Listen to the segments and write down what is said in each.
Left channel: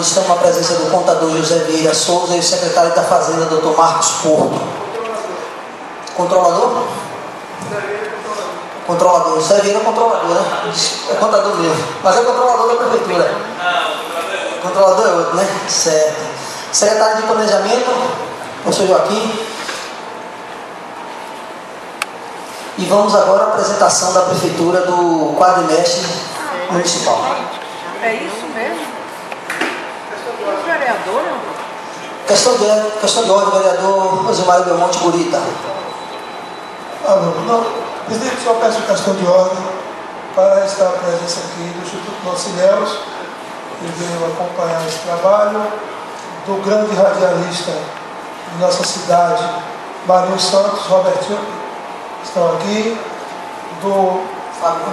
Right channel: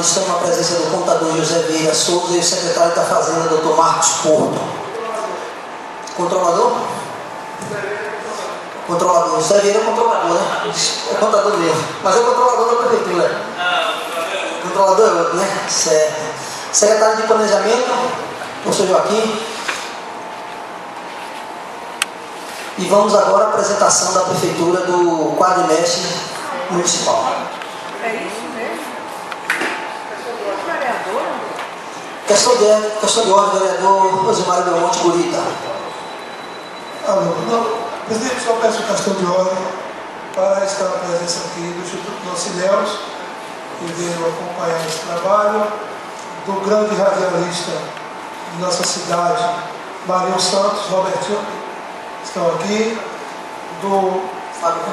Estamos na presença do contador José Vieira Souza e o secretário da Fazenda, Dr. Marcos Porto. Controlador? Controlador. José Vieira é controlador, né? É contador mesmo. Mas é o controlador da prefeitura. Controlador é outro, né? Certo. Secretário de Planejamento, professor Joaquim. E vamos agora à apresentação da prefeitura do quadrimestre municipal. É isso mesmo? Vereador? Questão de ordem, vereador Osimário Belmonte Gurita. Presidente, só peço questão de ordem para estar a presença aqui do Instituto Nocileus, que veio acompanhar esse trabalho, do grande radialista de nossa cidade, Marinho Santos, Robertinho, estão aqui, do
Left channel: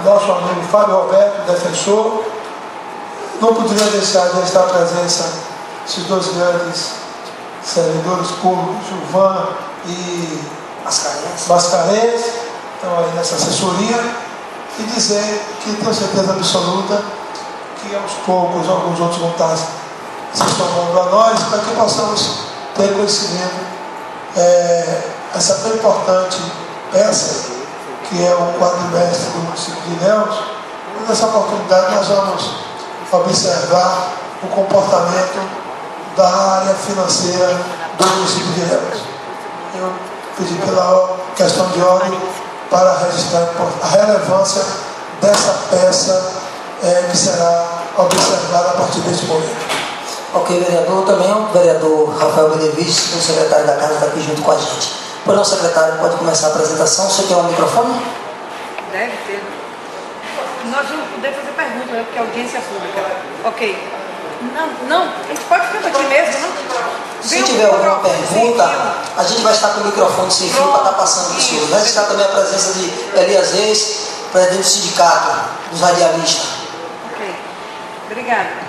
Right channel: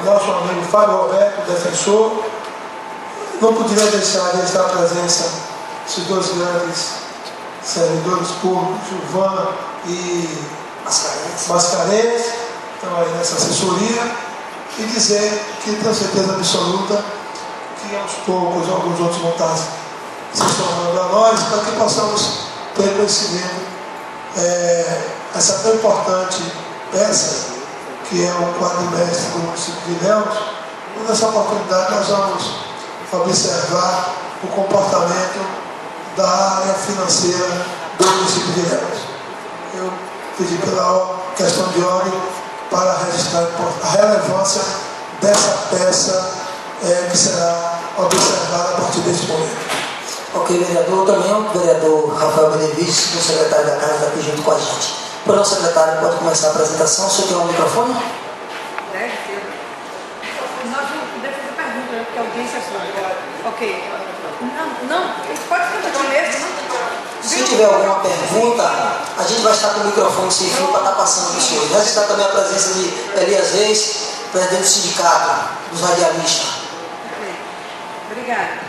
nosso amigo Fábio Roberto, defensor. Não poderia deixar de estar a presença desses dois grandes servidores públicos, Gilvan e Mascarenhas, estão aí nessa assessoria, e dizer que tenho certeza absoluta que aos poucos alguns outros vão estar se tornando a nós, para que possamos ter conhecimento essa tão importante peça que é o quadrimestre do município de Ilhéus. Nessa oportunidade nós vamos observar o comportamento da área financeira do município de Ilhéus. Eu pedi pela questão de ordem para registrar a relevância dessa peça que será observada a partir deste momento. Ok, vereador, também o vereador Rafael Benevides, o secretário da Casa, está aqui junto com a gente. Pois não, secretário, pode começar a apresentação. Você tem um microfone? Deve ter. Nós vamos poder fazer pergunta, né? Porque a audiência é pública. Ok. Não, pode ficar aqui mesmo, não? Se tiver alguma pergunta, a gente vai estar com o microfone sem fio para estar passando para o senhor. Vai estar também a presença de Elias Reis, presidente do sindicato dos radialistas. Ok. Obrigada.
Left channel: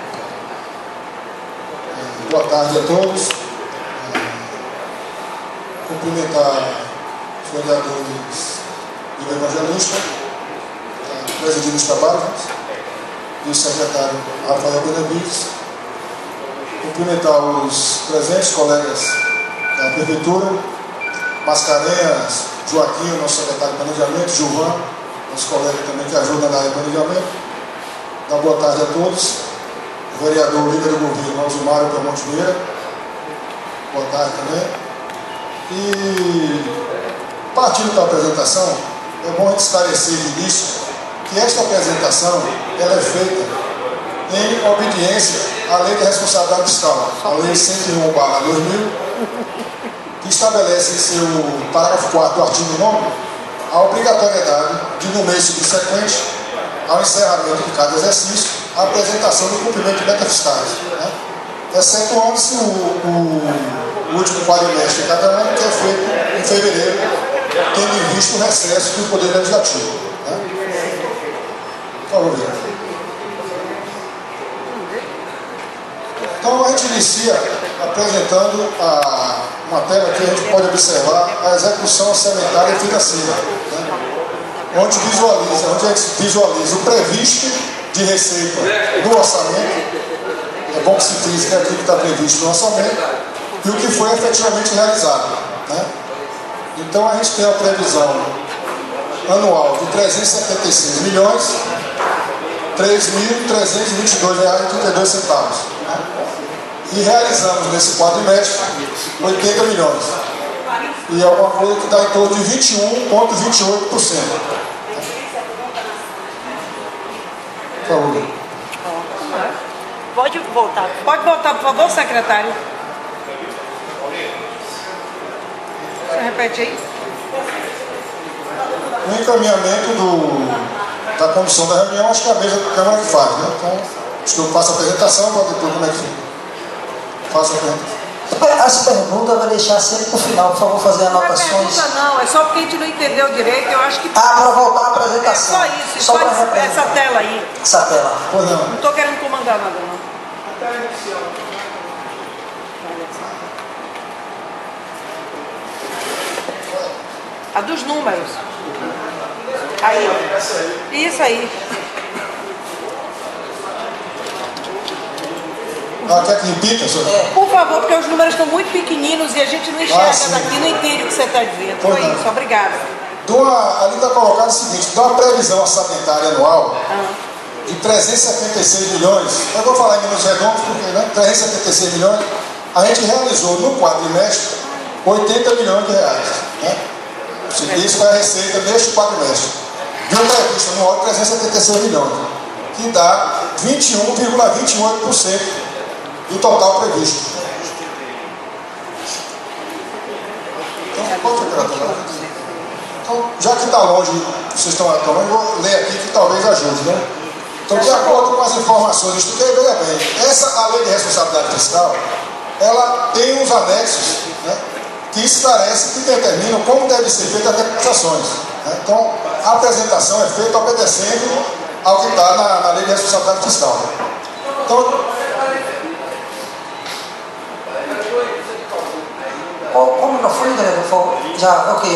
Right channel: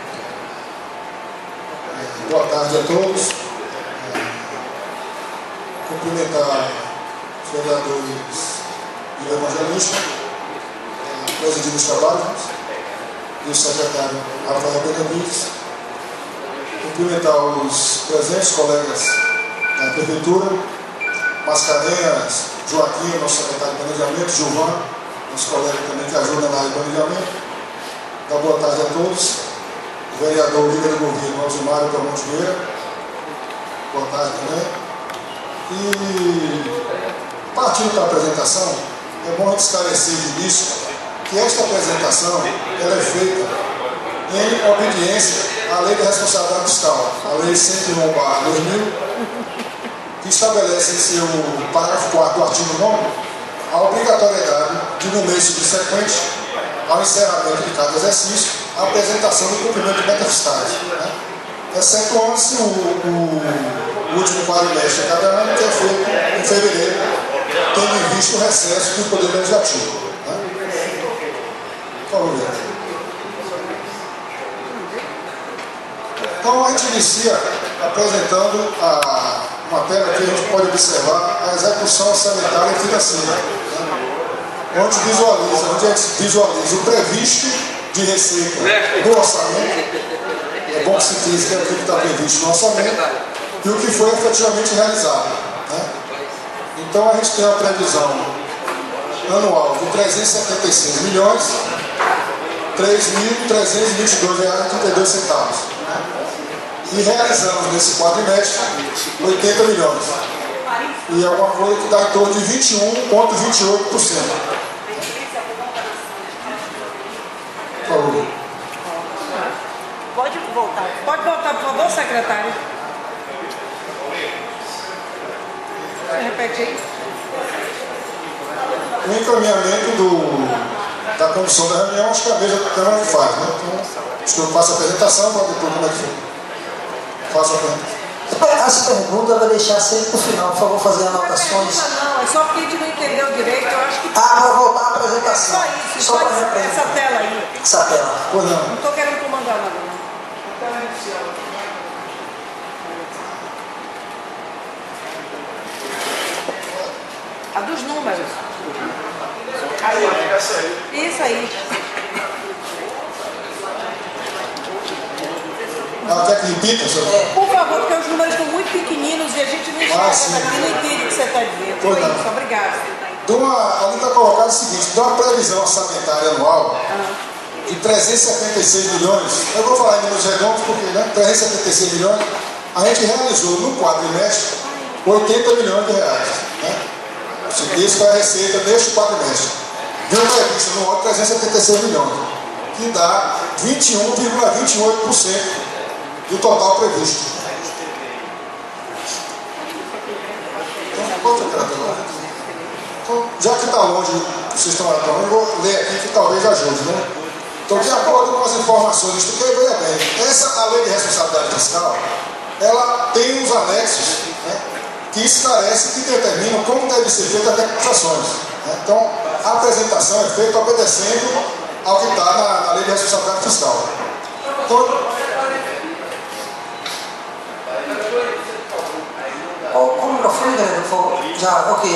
Boa tarde a todos. Cumprimentar os vereadores do Evangelista, presidindo os trabalhos, e o secretário Rafael Benevides. Cumprimentar os presentes colegas da Prefeitura, Mascarenhas, Joaquim, nosso secretário de Planejamento, Gilvan, nosso colega também que ajuda na área de planejamento. Dar boa tarde a todos. O vereador líder do governo, Osimário Belmonte Gurita. Boa tarde também. E, partindo da apresentação, é bom esclarecer de início que esta apresentação ela é feita em obediência à Lei da Responsabilidade Fiscal, a Lei 101/2000, que estabelece em seu parágrafo 4 do artigo 9 a obrigatoriedade de, no mês subsequente ao encerramento de cada exercício, a apresentação do cumprimento de metas fiscais, né? Excetuando-se o último quadrimestre de cada ano, que é feito em fevereiro, tendo em vista o recesso do Poder Legislativo. Né? Por favor, vereador. Então, a gente inicia apresentando a matéria que a gente pode observar a execução orçamentária e financeira, né? Onde a gente visualiza o previsto de receita do orçamento. É bom que se diz que é aquilo que está previsto no orçamento e o que foi efetivamente realizado, né? Então a gente tem a previsão anual de 376 milhões R$3.322,32, né? E realizamos nesse quadrimestre 80 milhões. E é uma coisa que dá em torno de 21,28%. Por favor. Pode voltar, por favor, secretário. Repete aí. O encaminhamento da condução da reunião, acho que a mesa da Câmara faz, né? Então, acho que eu passo a apresentação para depois como é que faço a pergunta. Essa pergunta eu vou deixar sempre para o final, por favor, fazer anotações. Não, é só porque a gente não entendeu direito, eu acho que... Para voltar à apresentação. Só isso, só essa tela aí. Essa tela. Pois não. Não estou querendo comandar nada, não. A dos números. Aí. Isso aí. Quer que repita, senhor? Por favor, porque os números estão muito pequeninos e a gente não enxerga daqui, não entende o que você está dizendo. Foi isso, obrigada. Ali está colocado o seguinte, de uma previsão orçamentária anual de 376 milhões, eu vou falar em números redondos porque, né, 376 milhões, a gente realizou no quadrimestre 80 milhões de reais. Né? Isso foi a receita neste quadrimestre. Deu prevista no ano 376 milhões, que dá 21,28% do total previsto. Então, já que está longe, vocês estão acabando, eu vou ler aqui que talvez ajude, né? Então, de acordo com as informações, estudei veja bem, a lei de responsabilidade fiscal, ela tem uns anexos, né, que esclarecem, que determinam como deve ser feita as declarações. Né? Então, a apresentação é feita obedecendo ao que está na lei de responsabilidade fiscal. Então, como não foi, galera? Já, ok.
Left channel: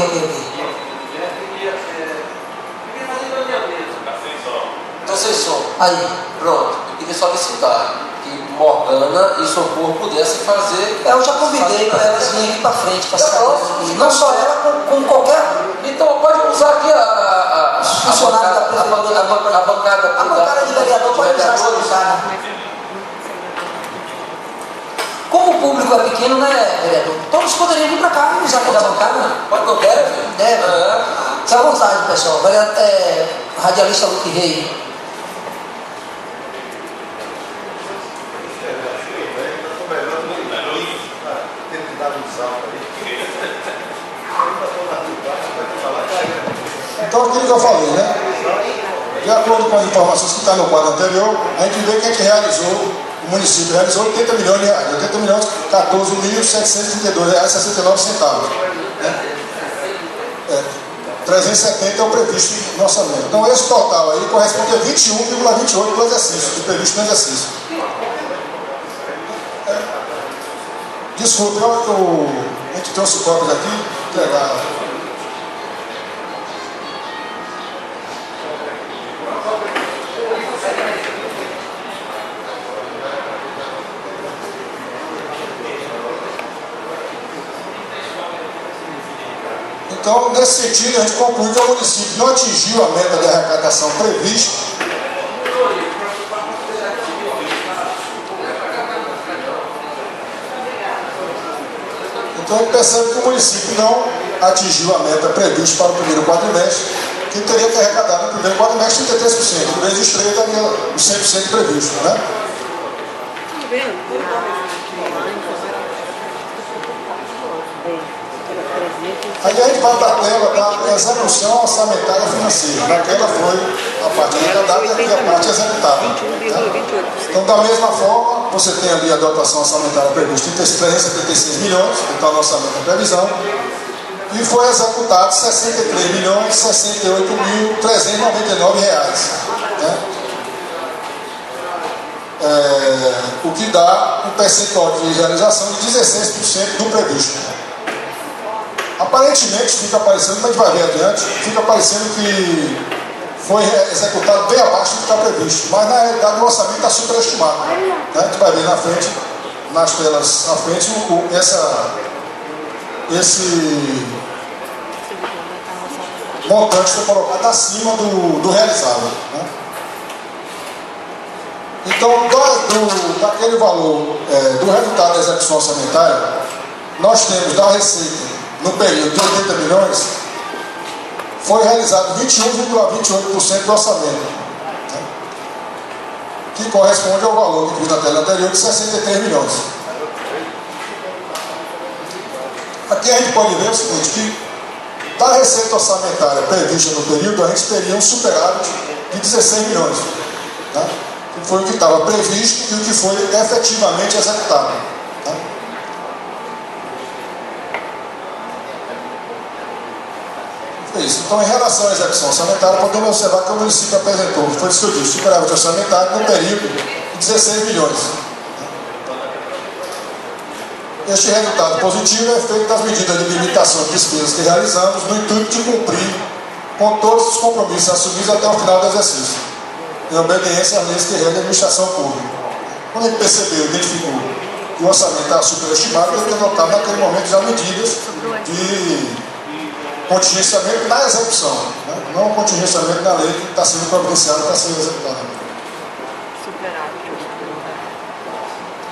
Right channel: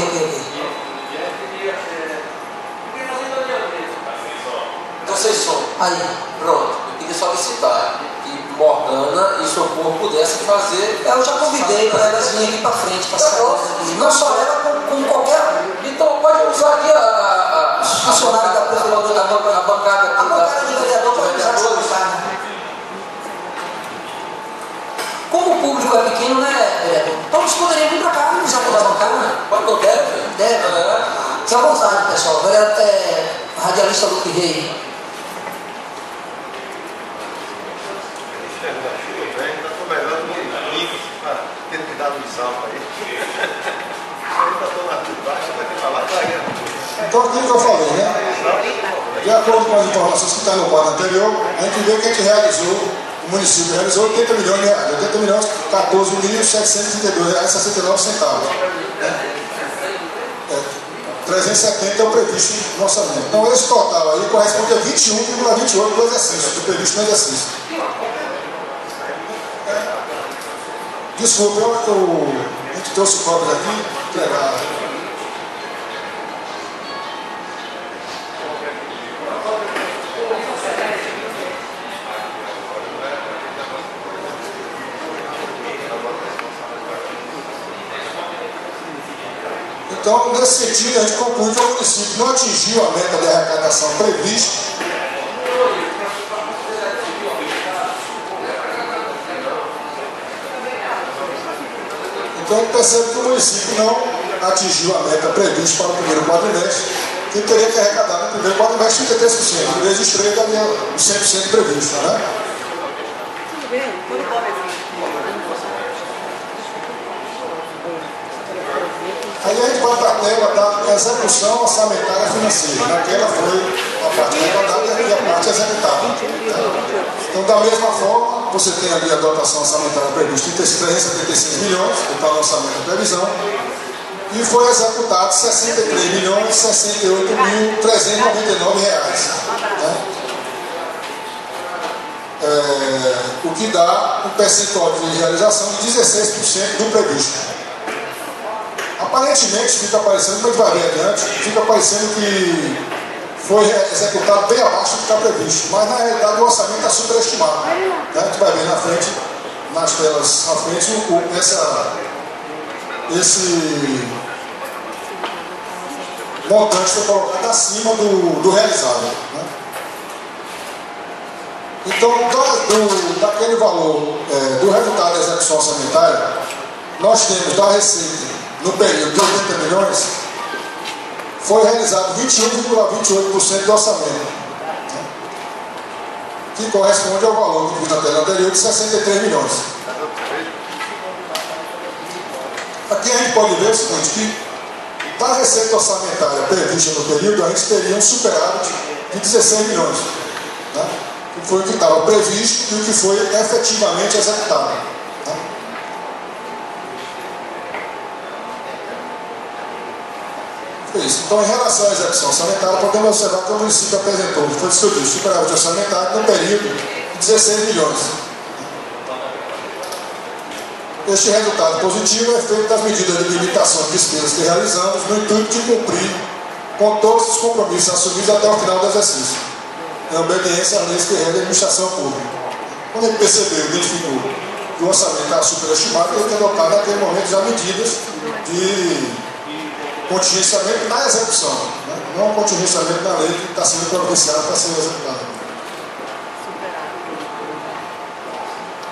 Então, vocês são. Aí. Pronto, eu queria solicitar que Morgana e Socorro pudessem fazer. Eu já convidei para elas virem aqui para frente, para não só ela, como qualquer. Então, pode usar aqui a funcionário da prefeitura. A bancada de vereador pode usar essa bancada. Como o público é pequeno, né, vereador? Todos poderiam vir para cá e usar aquela bancada. Pode, não deve? Deve. Fique à vontade, pessoal. Radialista Luque Rei. Então, o que eu falei, né? De acordo com as informações que estão no quadro anterior, a gente vê que a gente realizou, o município realizou 80 milhões de reais, 80 milhões, 14.732 reais, 69 centavos. 370 é o previsto no orçamento. Então, esse total aí corresponde a 21,28 do exercício, do previsto no exercício. Desculpe, a gente trouxe cópias aqui, entregar. Então, nesse sentido, a gente conclui que o município não atingiu a meta de arrecadação prevista. Então, a gente percebe que o município não atingiu a meta prevista para o primeiro quadrimestre, que teria que arrecadar no primeiro quadrimestre 33%, vezes os 3 daria os 100% previsto, né? Aí a gente vai para a tela da execução orçamentária financeira. Naquela foi a parte arrecadada e a parte executada. Né? Então, da mesma forma, você tem ali a dotação orçamentária prevista de 376 milhões, que está no orçamento da previsão, e foi executado 63.068.399 reais. Né? O que dá um percentual de realização de 16% do previsto. Aparentemente fica parecendo, mas vai ver adiante, fica parecendo que foi executado bem abaixo do que está previsto, mas na realidade o orçamento está superestimado. Né? A gente vai ver na frente, nas telas à frente, esse montante foi colocado acima do realizado. Né? Então, daquele valor do resultado da execução orçamentária, nós temos da receita no período de 80 milhões, foi realizado 21,28% do orçamento, que corresponde ao valor que vi na tela anterior de 63 milhões. Aqui a gente pode ver o seguinte, que da receita orçamentária prevista no período, a gente teria um superávit de 16 milhões, né? Que foi o que estava previsto e o que foi efetivamente executado. Né? Isso. Então, em relação à execução orçamentária, podemos observar que o município apresentou, foi distribuído superávit orçamentário no período de 16 milhões. Este resultado positivo é feito das medidas de limitação de despesas que realizamos no intuito de cumprir com todos os compromissos assumidos até o final do exercício, em obediência às leis que regem a administração pública. Quando a gente percebeu, identificou que o orçamento estava superestimado, eu ia adotar naquele momento já medidas de contingenciamento na execução, né? Não contingenciamento na lei que está sendo providenciada para ser executada.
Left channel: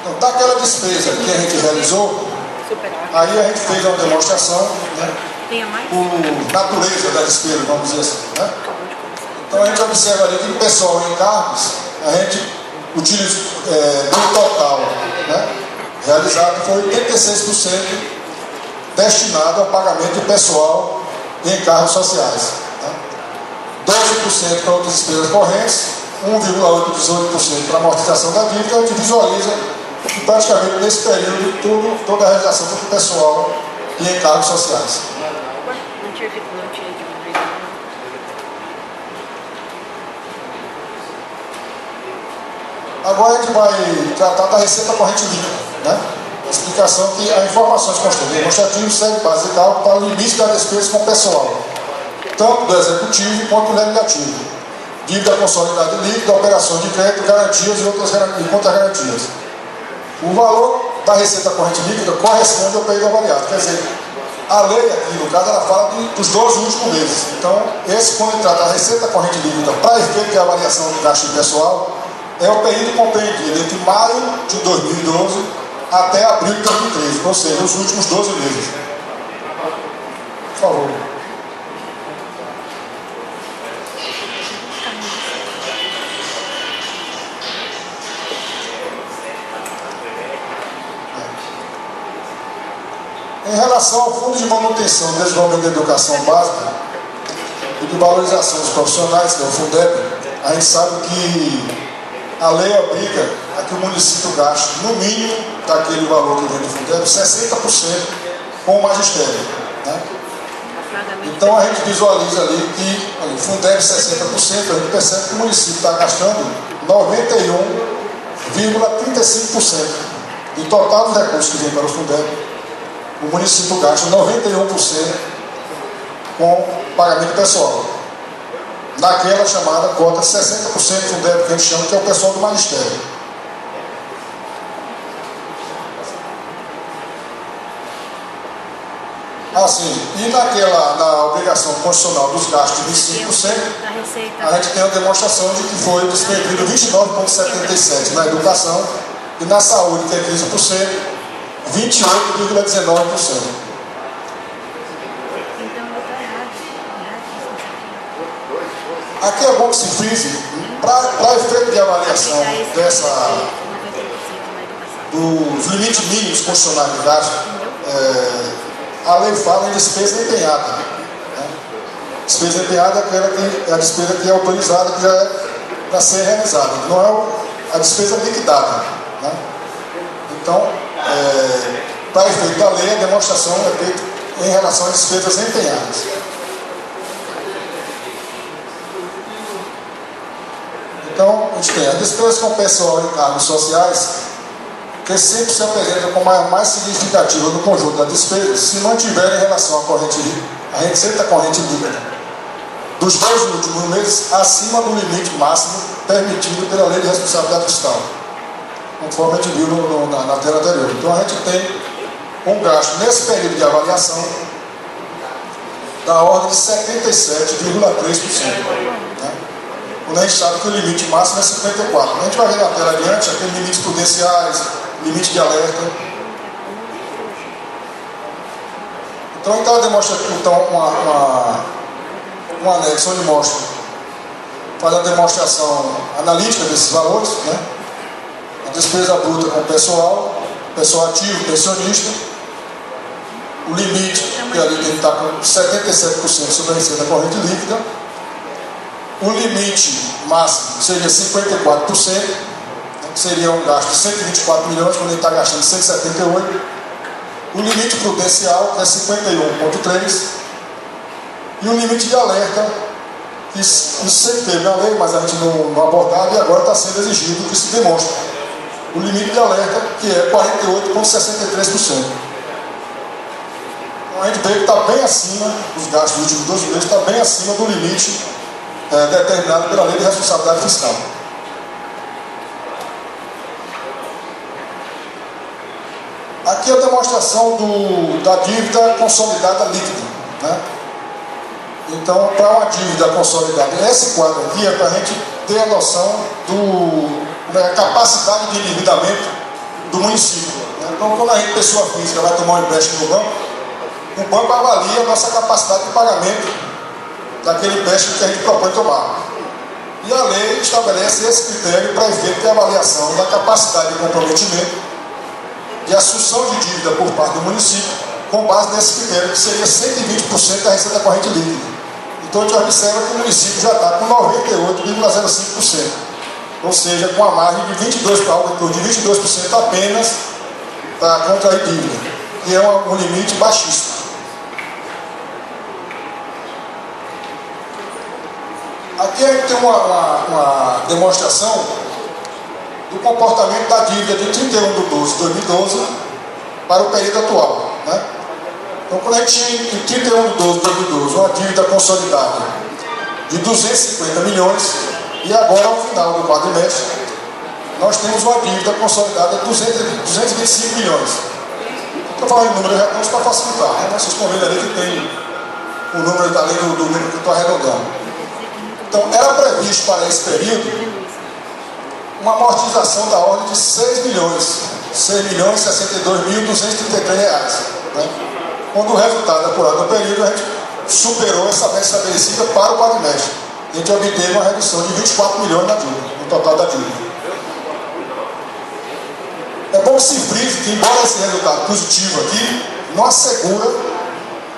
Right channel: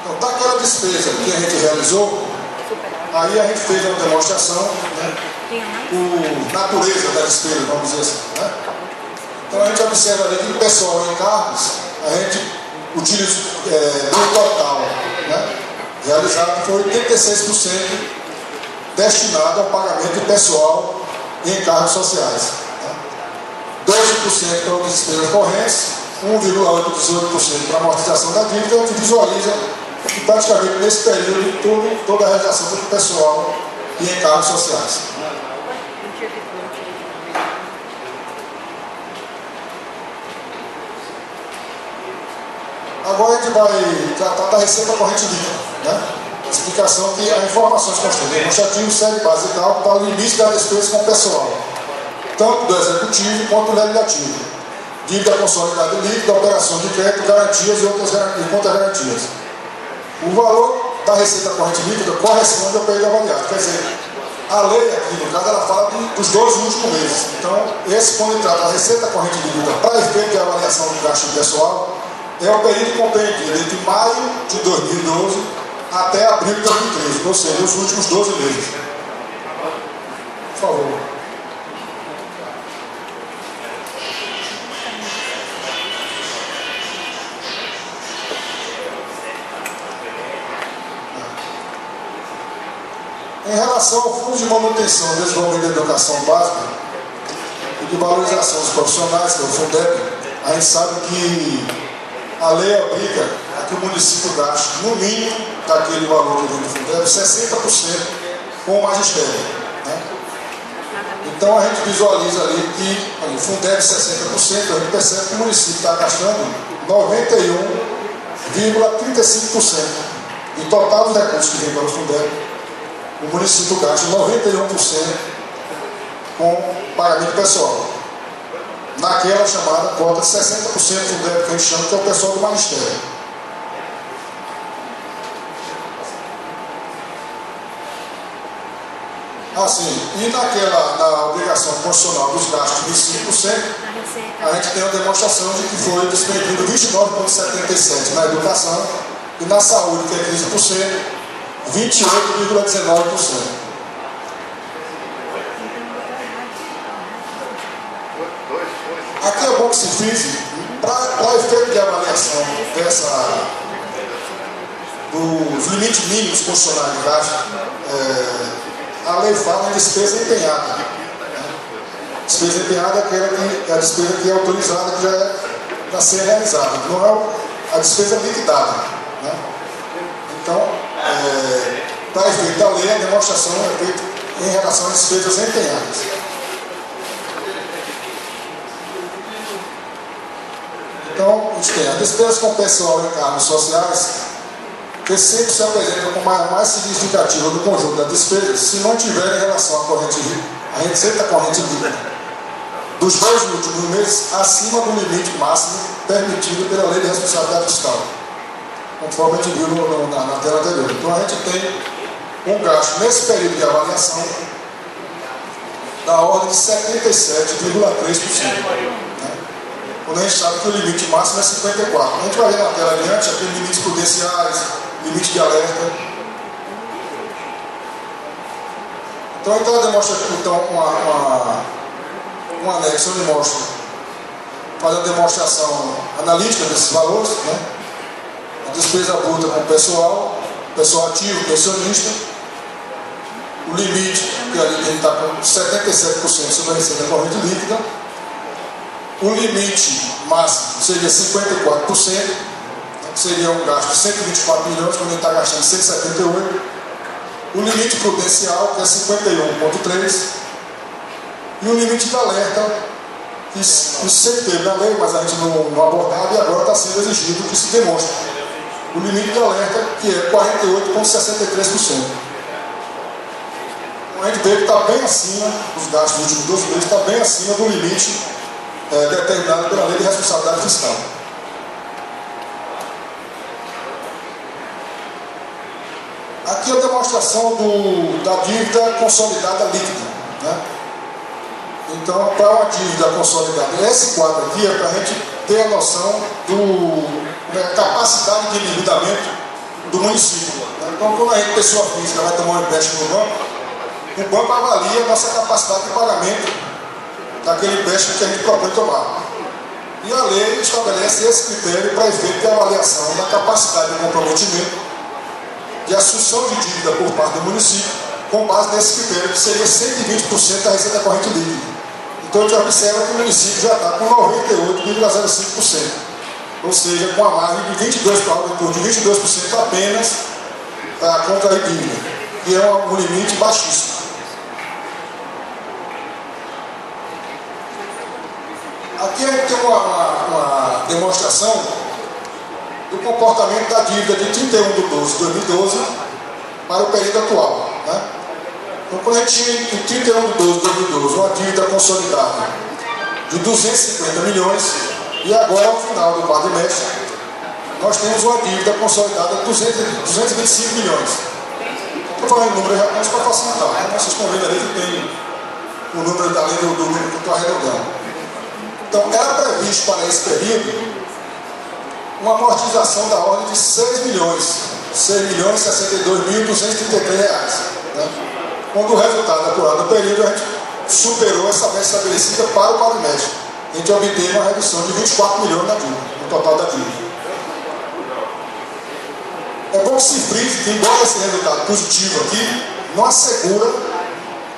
Então, daquela despesa que a gente realizou, aí a gente fez uma demonstração, né, por natureza da despesa, vamos dizer assim, né? Então a gente observa ali que o pessoal em cargos, a gente utiliza no total, né, realizado, foi 86% destinado ao pagamento de pessoal em encargos sociais, né? 12% para outras despesas correntes, 1,18% para amortização da dívida. A gente visualiza que praticamente nesse período toda a realização do pessoal em encargos sociais. Agora a gente vai tratar da receita corrente líquida, né? Explicação que as informações constantes. O demonstrativo segue base de cálculo para o limite da despesa com o pessoal, tanto do executivo quanto do legislativo. Dívida consolidada líquida, operações de crédito, garantias e outras contra-garantias. O valor da receita corrente líquida corresponde ao período avaliado. Quer dizer, a lei aqui, no caso, ela fala dos 12 últimos meses. Então, quando ele trata da receita corrente líquida para efeito de avaliação do gasto pessoal, é o período compreendido entre maio de 2012 até abril de 2013, ou seja, os últimos 12 meses. Por favor. Em relação ao Fundo de Manutenção e Desenvolvimento da Educação Básica e de Valorização dos Profissionais, que é o Fundeb, a gente sabe que a lei obriga a que o município gaste, no mínimo, daquele valor que vem do Fundeb, 60% com o magistério, né? Então a gente visualiza ali que o Fundeb 60%, a gente percebe que o município está gastando 91,35% do total dos recursos que vem para o Fundeb. O município gasta 91% com pagamento pessoal, naquela chamada cota de 60% do débito que a gente chama, que é o pessoal do magistério. Assim, e na obrigação constitucional dos gastos de 25%, a gente tem a demonstração de que foi distribuído 29,77% na educação e na saúde, que é 15%, 28,19%. Aqui é bom que se frise, para efeito de avaliação dos limites mínimos constitucionais de gasto, a lei fala em despesa empenhada, né? Despesa empenhada é a despesa que é autorizada, que já é para ser realizada, não é a despesa liquidada, né? Então, para efeito da lei, a demonstração é feita em relação às despesas empenhadas. Então, a gente tem as despesas com pessoal em cargos sociais, que sempre se apresentam como a mais significativa do conjunto das despesas, se não tiver em relação à receita corrente líquida dos 2 últimos meses acima do limite máximo permitido pela Lei de Responsabilidade Fiscal, conforme a gente viu na tela anterior. Então a gente tem um gasto nesse período de avaliação da ordem de 77,3%. Né? Quando a gente sabe que o limite máximo é 54%. A gente vai ver na tela adiante aqueles limites prudenciais, limite de alerta. Então ela demonstra aqui um anexo onde mostra, faz a demonstração analítica desses valores, né? A despesa bruta com o pessoal ativo, pensionista, o limite, que ali está com 77% sobre a receita corrente líquida, o limite máximo seria 54%, que seria um gasto de 124 milhões, quando ele está gastando 178. O limite prudencial é 51,3%. E o limite de alerta, isso sempre teve na lei, mas a gente não abordava, e agora está sendo exigido que se demonstre. O limite de alerta, que é 48,63%. Então a gente vê que está bem acima, os gastos dos últimos 12 meses, está bem acima do limite determinado pela Lei de Responsabilidade Fiscal. Aqui é a demonstração da dívida consolidada líquida, né? Então, para uma dívida consolidada, esse quadro aqui é para a gente ter a noção da capacidade de endividamento do município, né? Então, quando a gente, pessoa física, vai tomar um empréstimo no banco, o banco avalia a nossa capacidade de pagamento daquele empréstimo que a gente propõe tomar. E a lei estabelece esse critério para efeito de avaliação da capacidade de comprometimento de assunção de dívida por parte do município, com base nesse critério, que seria 120% da receita corrente líquida. Então a gente observa que o município já está com 98,05%, ou seja, com a margem de 22%, para algo em torno de 22% apenas para contrair dívida, que é um limite baixíssimo. Aqui a gente tem uma demonstração do comportamento da dívida de 31 de 12 de 2012 para o período atual, né? Então, quando a gente tinha em 31 de 12 de 2012 uma dívida consolidada de 250 milhões, e agora, ao final do quadrimestre, nós temos uma dívida consolidada de 225 milhões. Estou falando em número japonês para facilitar, né? Vocês estão vendo ali que tem o número da lei do número que eu estou arredondando. Então, era previsto para esse período uma amortização da ordem de 6 milhões, 6.062.233 reais, né? Quando o resultado apurado no período, a gente superou essa meta estabelecida para o quadrimestre. A gente obteve uma redução de 24 milhões na dívida, no total da dívida. É bom que se frise que, embora esse resultado positivo aqui, não assegura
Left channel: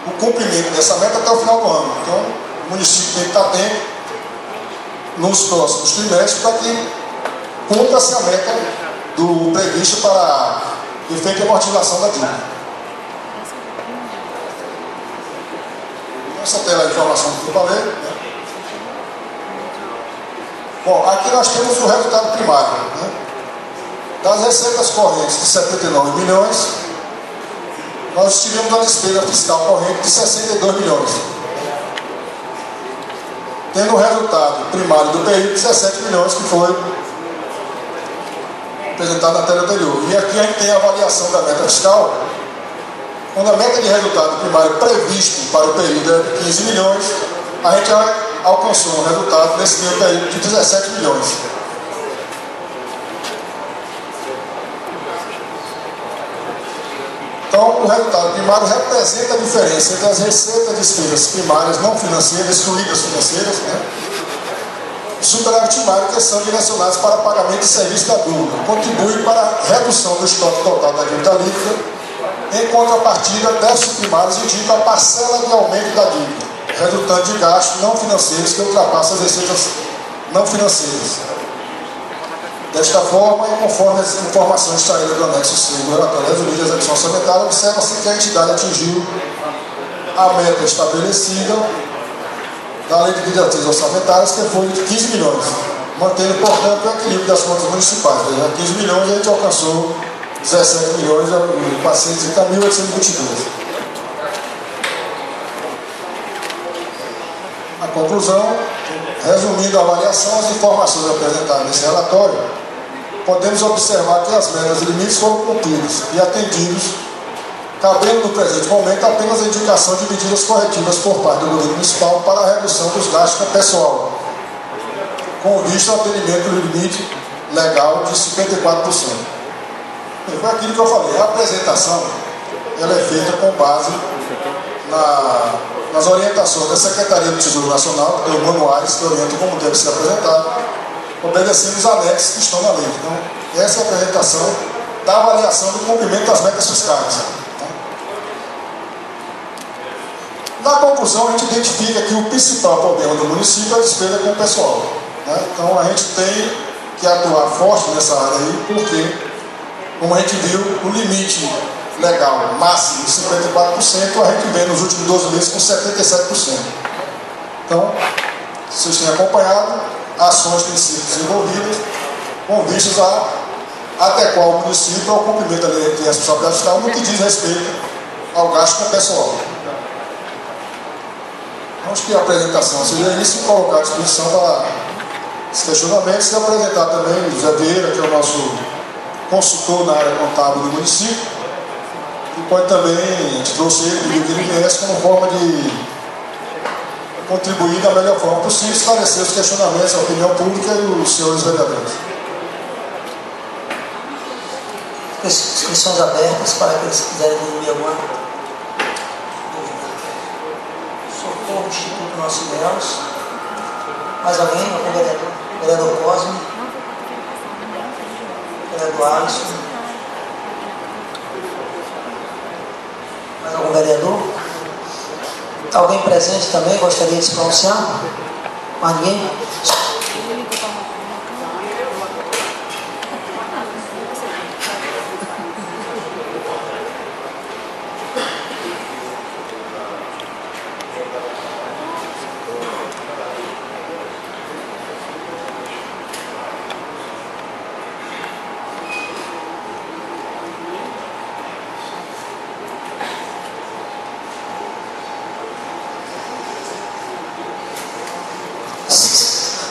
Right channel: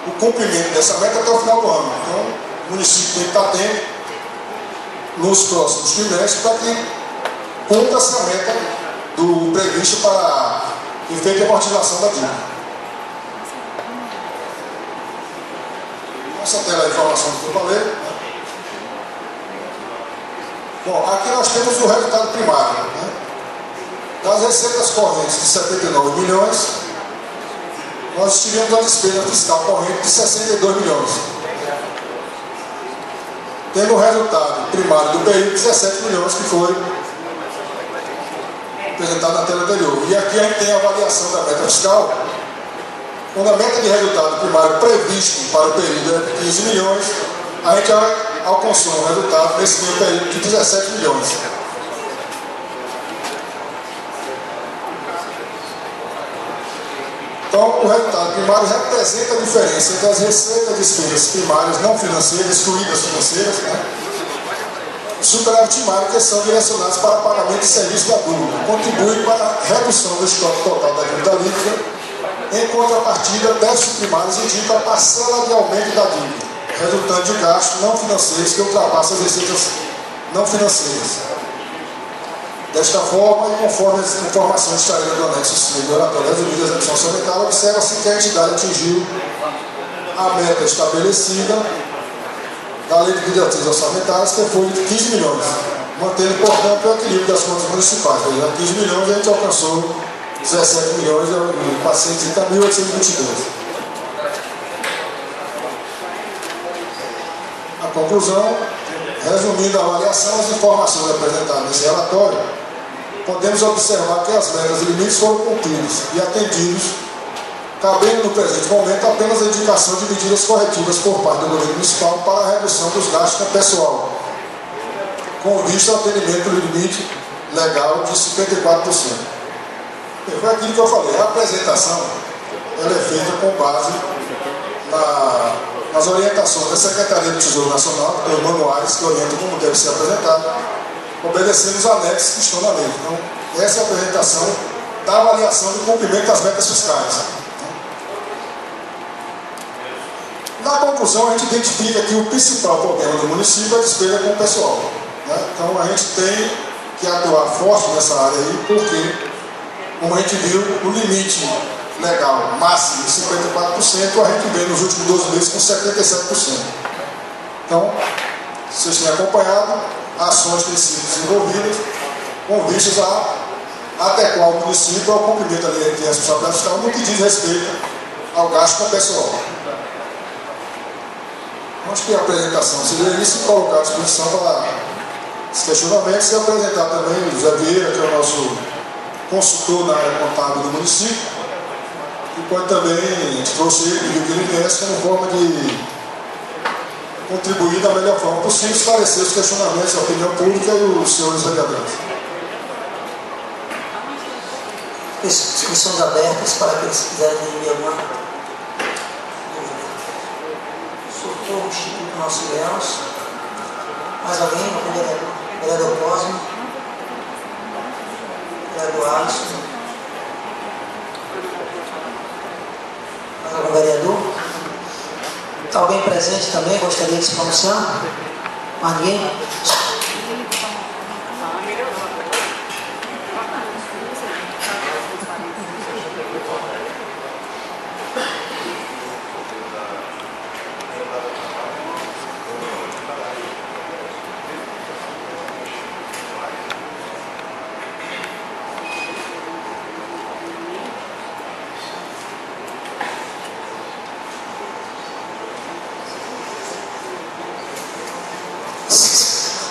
o cumprimento dessa meta até o final do ano. Então, o município tem que estar atento nos próximos trimestres para que cumpra-se a meta do previsto para efeito de amortização da dívida. Essa tela de informação que eu falei, né? Bom, aqui nós temos o resultado primário, né? Das receitas correntes de 79 milhões, nós tivemos uma despesa fiscal corrente de 62 milhões. Tendo o resultado primário do período de 17 milhões, que foi apresentado na tela anterior. E aqui a gente tem a avaliação da meta fiscal, quando a meta de resultado primário previsto para o período é 15 milhões, a gente alcançou um resultado nesse mesmo período de 17 milhões. Então, o resultado primário representa a diferença entre as receitas e despesas primárias não financeiras, excluídas financeiras, né? E superávit primário, que são direcionados para pagamento de serviço da dúvida, contribui para a redução do estoque total da dívida líquida. Em contrapartida, déficit primários indica a parcela de aumento da dívida, resultante de gastos não financeiros que ultrapassam as receitas não financeiras. Desta forma, e conforme as informações extraídas do anexo 3 do relatório da medida de execução orçamentária, observa-se que a entidade atingiu a meta estabelecida na lei de diretrizes orçamentárias, que foi de 15 milhões, mantendo, portanto, o equilíbrio das contas municipais. 15 milhões, a gente alcançou 17 milhões e 430.822. A conclusão, resumindo a avaliação, as informações apresentadas nesse relatório, podemos observar que as metas e limites foram cumpridos e atendidos, cabendo no presente momento apenas a indicação de medidas corretivas por parte do governo municipal para a redução dos gastos com pessoal, com vista ao atendimento do limite legal de 54%. Foi aquilo que eu falei, a apresentação ela é feita com base nas orientações da Secretaria do Tesouro Nacional, que tem os manuais que orientam como deve ser apresentado, obedecendo os anexos que estão na lei. Então, essa é a apresentação da avaliação do cumprimento das metas fiscais. Na conclusão, a gente identifica que o principal problema do município é a despesa com o pessoal, né? Então, a gente tem que atuar forte nessa área aí, porque, como a gente viu, o limite legal máximo de 54%, a gente vê nos últimos 12 meses com 77%. Então, se vocês têm acompanhado, ações têm sido desenvolvidas com vistas a adequar o município ao cumprimento da lei de responsabilidade fiscal no que diz respeito ao gasto com o pessoal. Acho que a apresentação seria isso, colocar à disposição para esse questionamento, se apresentar também o José Vieira, que é o nosso consultor na área contábil do município, e pode também, a gente trouxe ele e o INPS como forma de contribuir da melhor forma possível, esclarecer os questionamentos, a opinião pública e os senhores vereadores. Inscrições abertas para aqueles que quiserem dormir alguma dúvida. Socorro Instituto Nossos Ilhéus. Mais alguém? Algum vereador? Vereador Cosme? Vereador Alisson? Mais algum vereador? Alguém presente também gostaria de se pronunciar? Mais ninguém?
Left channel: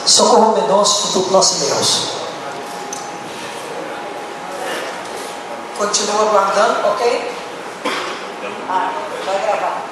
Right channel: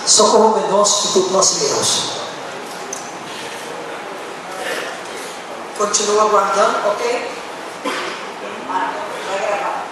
Socorro Mendonça, Instituto Nossos Ilhéus. Continua aguardando, ok? Vai gravar.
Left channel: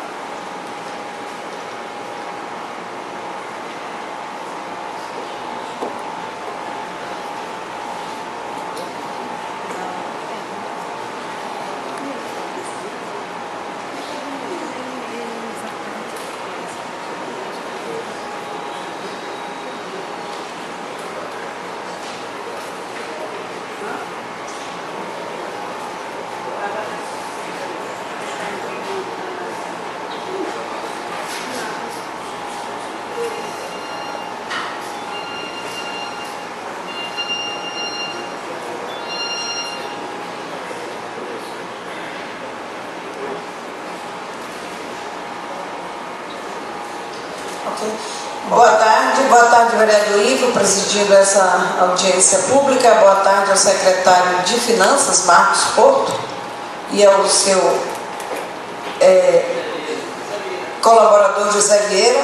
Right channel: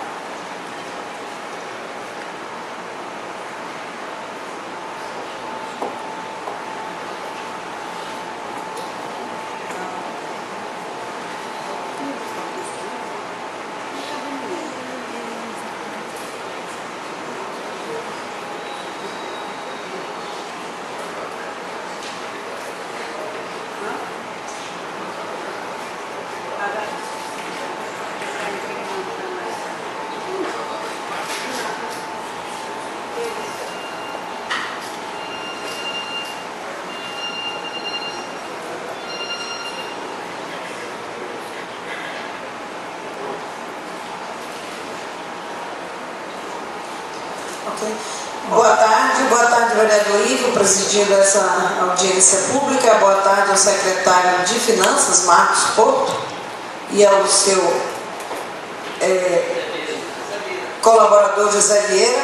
Boa tarde, vereador Ivo, presidindo essa audiência pública. Boa tarde ao secretário de Finanças, Marcos Porto, e ao seu colaborador José Vieira.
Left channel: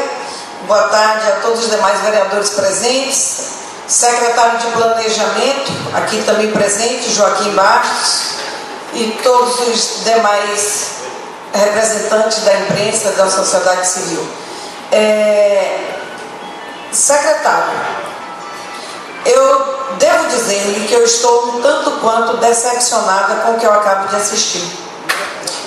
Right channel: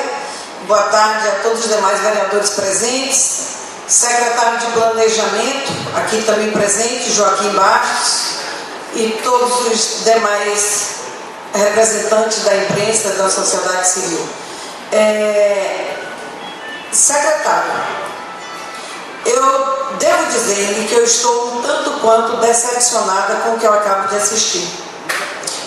Boa tarde a todos os demais vereadores presentes, secretário de Planejamento, aqui também presente, Joaquim Bastos, e todos os demais representantes da imprensa e da sociedade civil. Secretário, eu devo dizer-lhe que eu estou um tanto quanto decepcionada com o que eu acabo de assistir.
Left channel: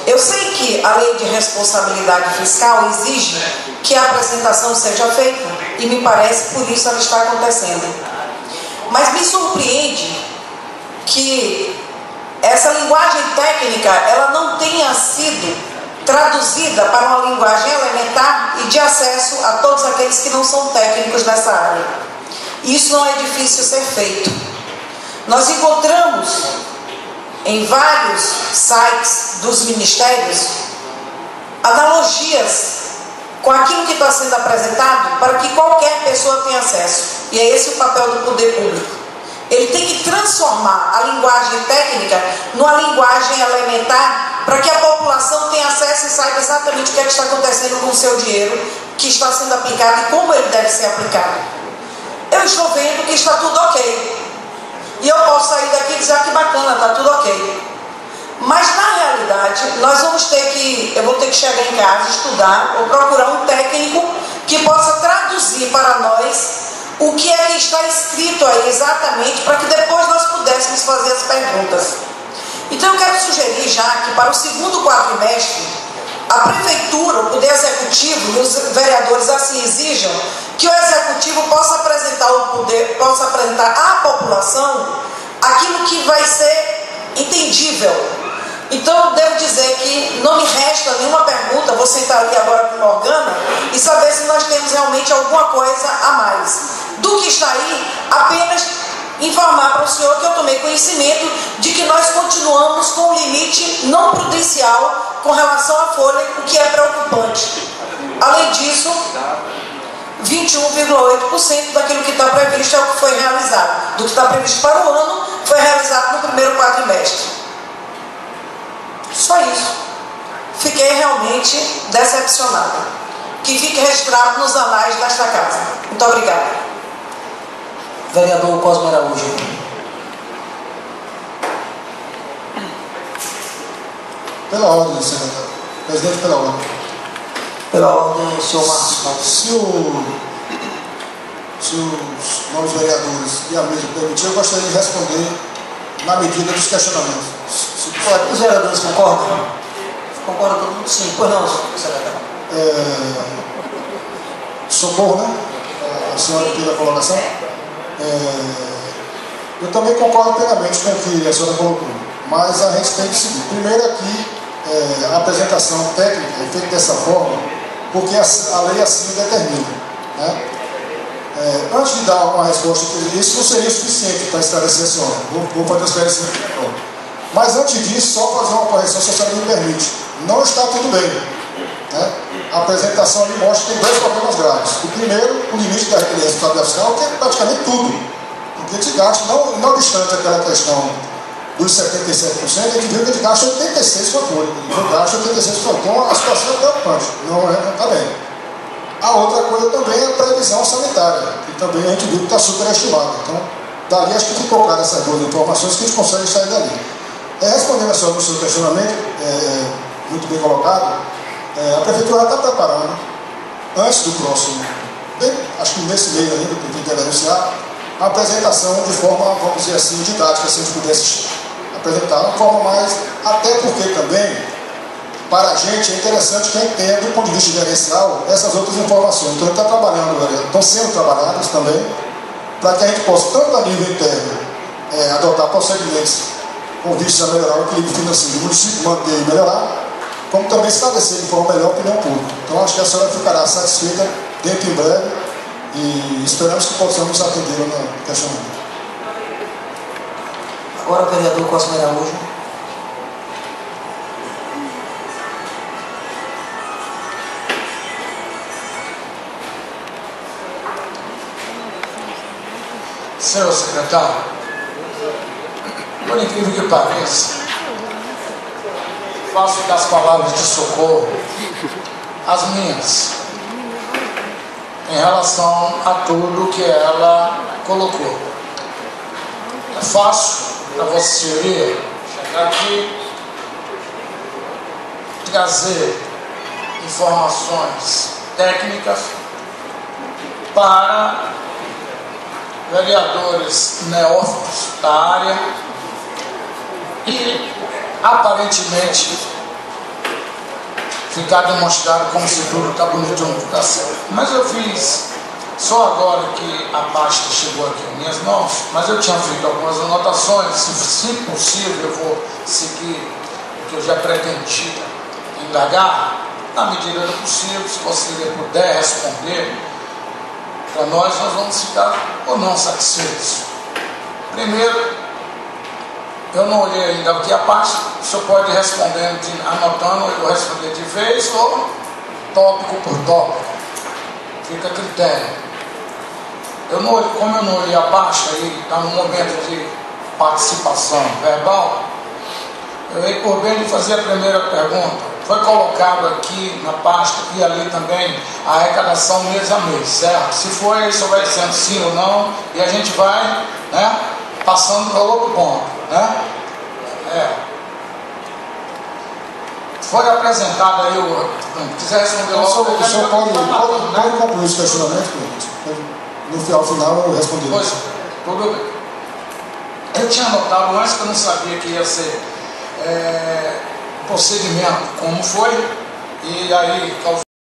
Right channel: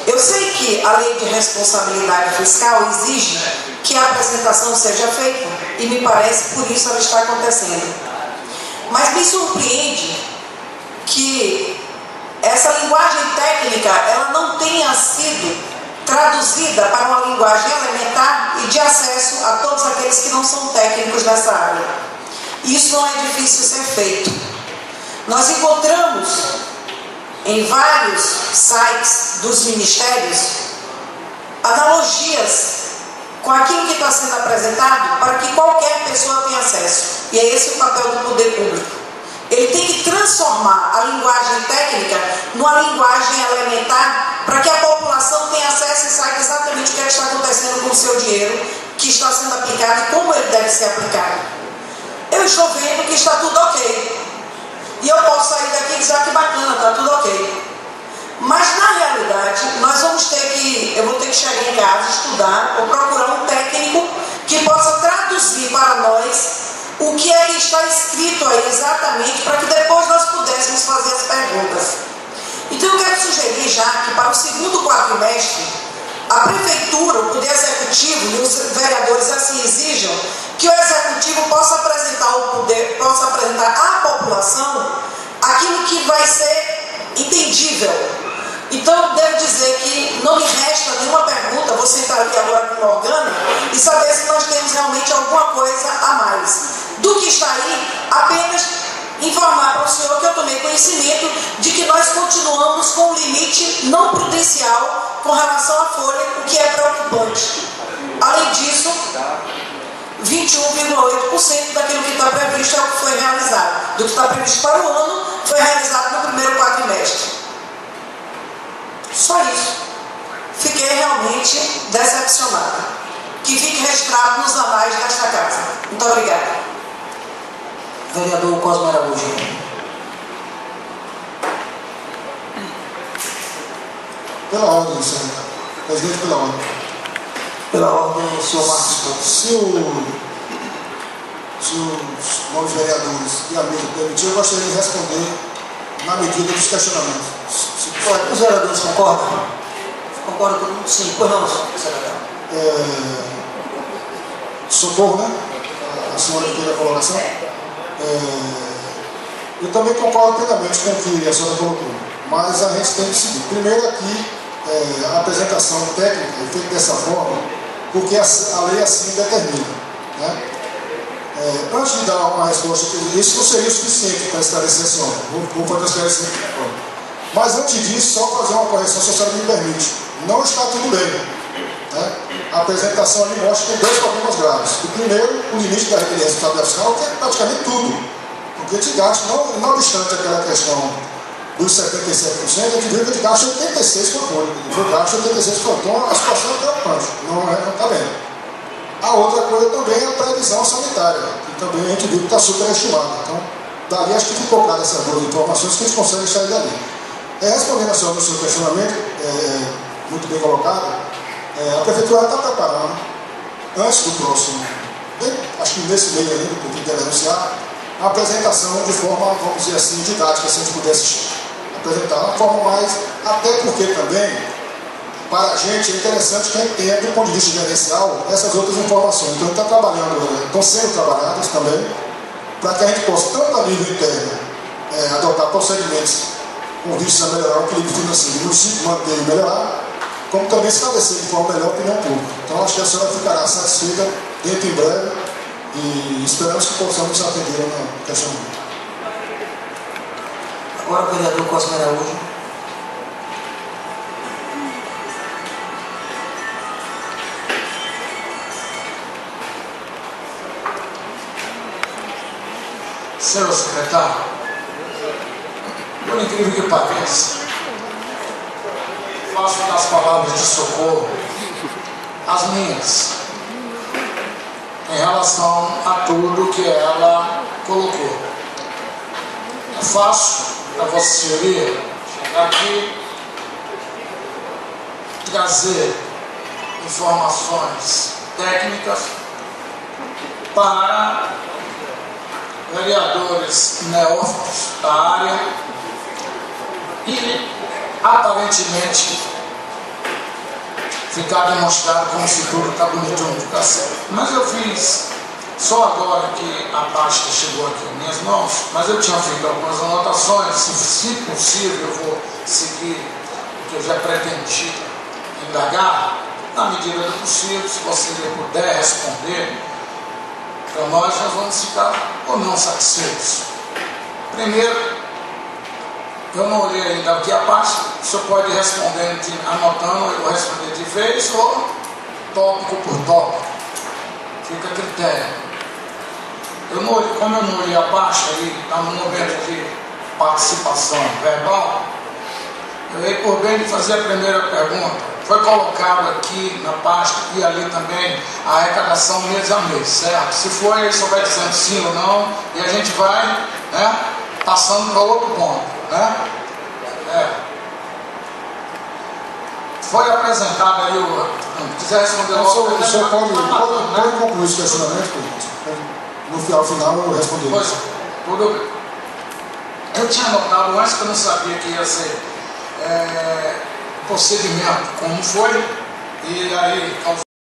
Eu sei que a lei de responsabilidade fiscal exige que a apresentação seja feita, e me parece por isso ela está acontecendo. Mas me surpreende que essa linguagem técnica ela não tenha sido traduzida para uma linguagem elementar e de acesso a todos aqueles que não são técnicos nessa área. Isso não é difícil ser feito. Nós encontramos em vários sites dos ministérios analogias com aquilo que está sendo apresentado para que qualquer pessoa tenha acesso. E é esse o papel do poder público. Ele tem que transformar a linguagem técnica numa linguagem elementar para que a população tenha acesso e saiba exatamente o que está acontecendo com o seu dinheiro que está sendo aplicado e como ele deve ser aplicado. Eu estou vendo que está tudo ok. E eu posso sair daqui e dizer que bacana, está tudo ok. Mas na realidade, eu vou ter que chegar em casa, estudar ou procurar um técnico que possa traduzir para nós o que é que está escrito aí exatamente, para que depois nós pudéssemos fazer as perguntas. Então eu quero sugerir já que para o segundo quadrimestre, a Prefeitura, o Poder Executivo e os vereadores assim exijam que o Executivo possa apresentar à população aquilo que vai ser entendível. Então eu devo dizer que não me resta nenhuma pergunta, vou sentar aqui agora com o Morgana e saber se nós temos realmente alguma coisa a mais. Do que está aí, apenas informar para o senhor que eu tomei conhecimento de que nós continuamos com um limite não prudencial com relação à folha, o que é preocupante. Além disso, 21,8% daquilo que está previsto é o que foi realizado. Do que está previsto para o ano, foi realizado no primeiro quadrimestre. Só isso. Fiquei realmente decepcionada. Que fique registrado nos anais desta casa. Muito obrigada. Vereador Cosme Araújo. Pela ordem, senhor. Presidente, pela ordem. Pela ordem, o senhor Marcos. Se os novos vereadores e amigos permitirem, eu gostaria de responder na medida dos questionamentos. Os vereadores concordam? Concorda todo mundo? Sim. Pois não, senador. Socorro, né? A senhora aqui da colocação. Eu também concordo plenamente com o que a senhora colocou, mas a gente tem que seguir. Primeiro aqui, a apresentação técnica é feita dessa forma, porque a lei assim determina. Né? Antes de dar uma resposta, isso não seria o suficiente para esclarecer a senhora. Vou fazer esclarecimento agora. Mas antes disso, só fazer uma correção, se a senhora me permite. Não está tudo bem. Né? A apresentação ali mostra que tem dois problemas graves. O primeiro, o limite da responsabilidade fiscal, que é praticamente tudo. Porque a gente gasta, não obstante aquela questão dos 77%, a gente viu que a gente gasta 86% com apoio. Eu gasto 86%. Então a situação é preocupante. Não está bem. A outra coisa também é a previsão sanitária, que também a gente viu que está superestimada. Então, dali acho que ficou claro essas duas informações que a gente consegue sair dali. Respondendo a senhora no seu questionamento, muito bem colocado, a Prefeitura está preparando, antes do próximo, acho que nesse meio ainda, que eu tenho que anunciar, a apresentação de forma, vamos dizer assim, didática, se a gente pudesse apresentar, uma forma mais, até porque também, para a gente é interessante quem tenha, do ponto de vista gerencial, essas outras informações. Então, a gente está trabalhando, estão sendo trabalhadas também, para que a gente possa, tanto a nível interno, adotar procedimentos com vistas a melhorar o equilíbrio financeiro do município, manter e melhorar, como também estabelecer de forma melhor a opinião pública. Então, acho que a senhora ficará satisfeita dentro em breve e esperamos que possamos atender no questionamento. Agora o vereador Cosme Araújo. Senhor secretário, por incrível que pareça, faço das palavras de socorro as minhas, em relação a tudo que ela colocou. É fácil a Vossa Senhoria chegar aqui e trazer informações técnicas para vereadores neófitos da área e aparentemente ficar demonstrado como se tudo está bonito no educação. Mas eu fiz só agora que a pasta chegou aqui em minhas mãos, mas eu tinha feito algumas anotações, se possível eu vou seguir o que eu já pretendi indagar, na medida do possível, se você puder responder para nós vamos ficar ou não satisfeitos. Primeiro, eu não olhei ainda aqui a parte, o senhor pode responder, anotando, eu vou responder de vez ou tópico por tópico. Fica a critério. Como eu não olhei a parte, aí está no momento de participação verbal, eu ia por bem de fazer a primeira pergunta. Foi colocado aqui na pasta e ali também a arrecadação mês a mês, certo? Se for, ele só vai dizendo sim ou não e a gente vai, né, passando para outro ponto, né? Foi apresentado aí se quiser responder logo. O senhor pode concluir esse questionamento? No final eu responder. Pois, tudo bem. Eu tinha notado antes que eu não sabia que ia ser procedimento como foi, e aí